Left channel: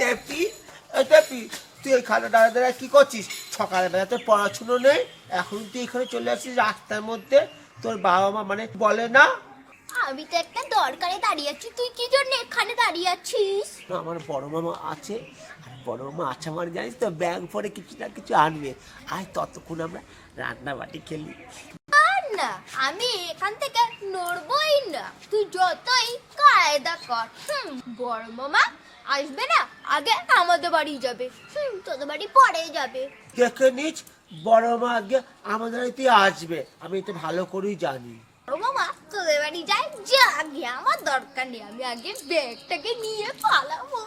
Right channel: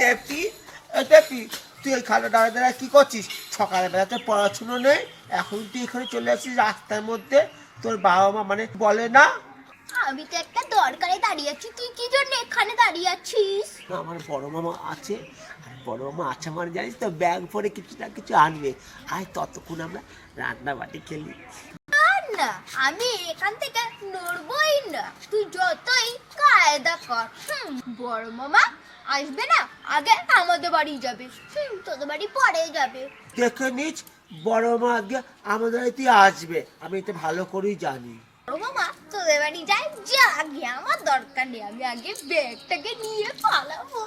টেপি টেপি, তুই এখানে দাঁড়া দাঁড়া কি করছিস? সকালবেলা তো পড়াশুনো নেই, এখন তুই এখানে চলে আসছিস রাস্তার মধ্যে। তোর বাবা মা মানে বলে না? আমি তো একটা দরকারে দাঁড়িয়ে আছি, তুই কি জন্য এখানে দাঁড়িয়ে আছিস? আমার বড় মামা আছে, আর বড় মামা আছে মানে জানিস তো, ব্যাগ পরে কিছু না কিছু আনবে, আর ততক্ষণ আমরা রান্না বাটি খেলি। আর না, আমি এখান থেকে নড়বই না, তুই যতই কায়দা কর। বড় মামা আসবে না, আগে আমাদের বাড়ি যাবে, তোদের বাড়ি পরে যাবে। দেখে নিস, বড় মা আগে আমাদের বাড়িতে আসবে, আমি এটা ভালো করেই জানি। বড় মামা তোদের বাড়ি যাই, যা আগে, আমার দরকার নেই, আমি আগে ব্যাগটাকে নিয়ে পালাবো।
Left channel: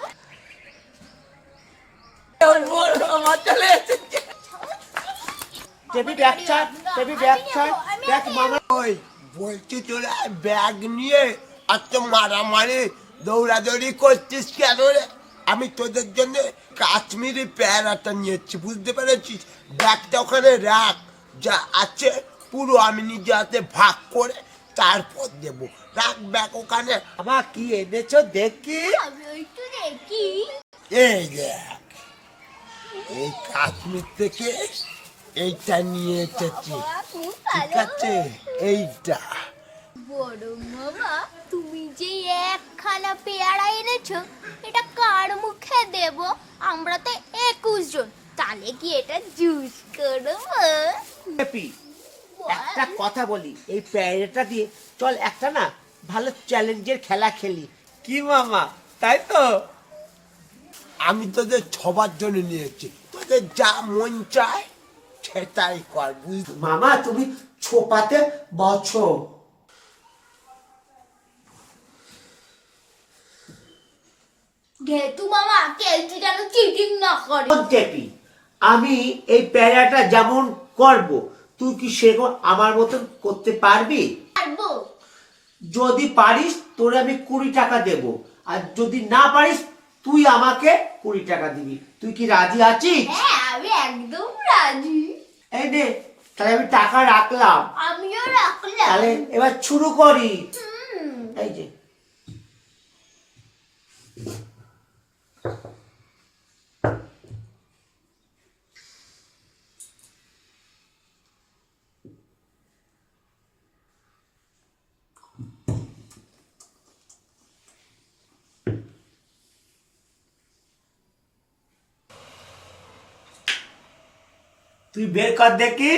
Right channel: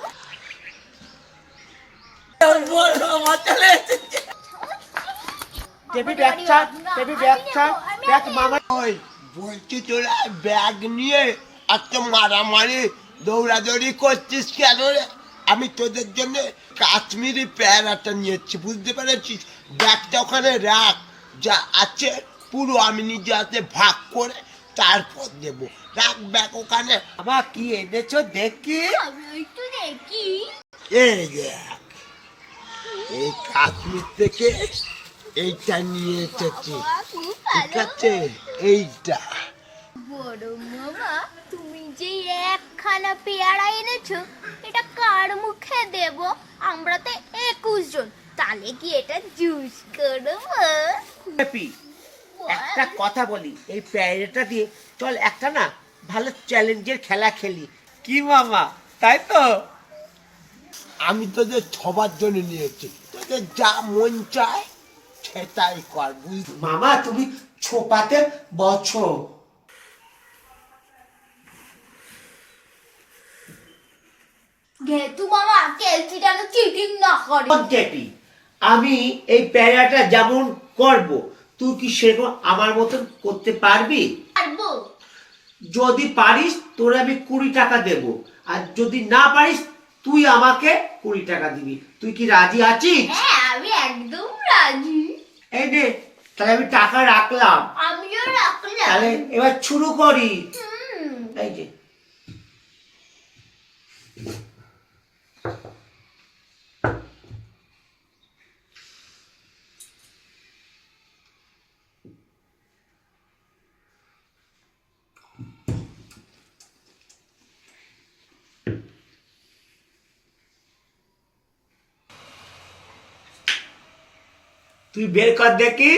বড় মামা চলে এসেছে। টেপি ব্যাগ ছাড়, টেপি ব্যাগ ছাড়, ব্যাগ মামা। ওই বলছি তোরা ব্যাগ নিয়ে এত মারামারি দৌড়াদৌড়ি করছিস কেন রে? আমি তোদের জন্য কাশ্মীরি প্যারাটা নিয়েছি, বুঝতে পেরেছিস? ব্যাগটা ওখানে রাখ, যা আছে পুরো আমি নিজে হাতে ভাগ করে তারপর দেবো। রাখ ব্যাগ ওখানে। আমার কি এনেছো দেখি? আমি একটু দেখি। এই দেখ, এই কাশ্মীর থেকে এইটা নিয়ে এসেছি, বাবা, খুব ঠিক ভালো। আছে? এইটা বড় মামা, তুমি যে একখানা পেয়ারা এনেছো, এটা কার মুখে দেব? আমরা তো 21 জন, তাহলে কি এটা জুস করবো? টেপি, একটা কথা বলি, এই প্যারেটা দিয়ে চল একটা না ভালো চ্যালেঞ্জের খেলা খেলি, কি মামা? তাই তো? আমি তোদের সবার জন্য নিয়েছি, তোদের যা মন চায় সেটাই কর, বুঝলি? মামা তুমি ছোপাতে বছো। ঘেটু মামা, কেলচি যেন চিটিং না করে। টেপি, আমি এই প্যারাটা যেমন করব, তুই কি সেরকম আমার মতন করতে পারবি? পারবো। যদি পারিস তোরে আমি 20 টাকা দেব, আর যদি না পারিস তুই আমাকে 20 টাকা দিবি। তুই কি রাজি আছিস? হ্যাঁ, আমি একদম রাজি। এই নে, তাহলে আমি টাকা রাখলাম, আমিও রাখলাম। তাহলে এবার শুরু করি। হুম। এই যে তুই বের কর দেখি।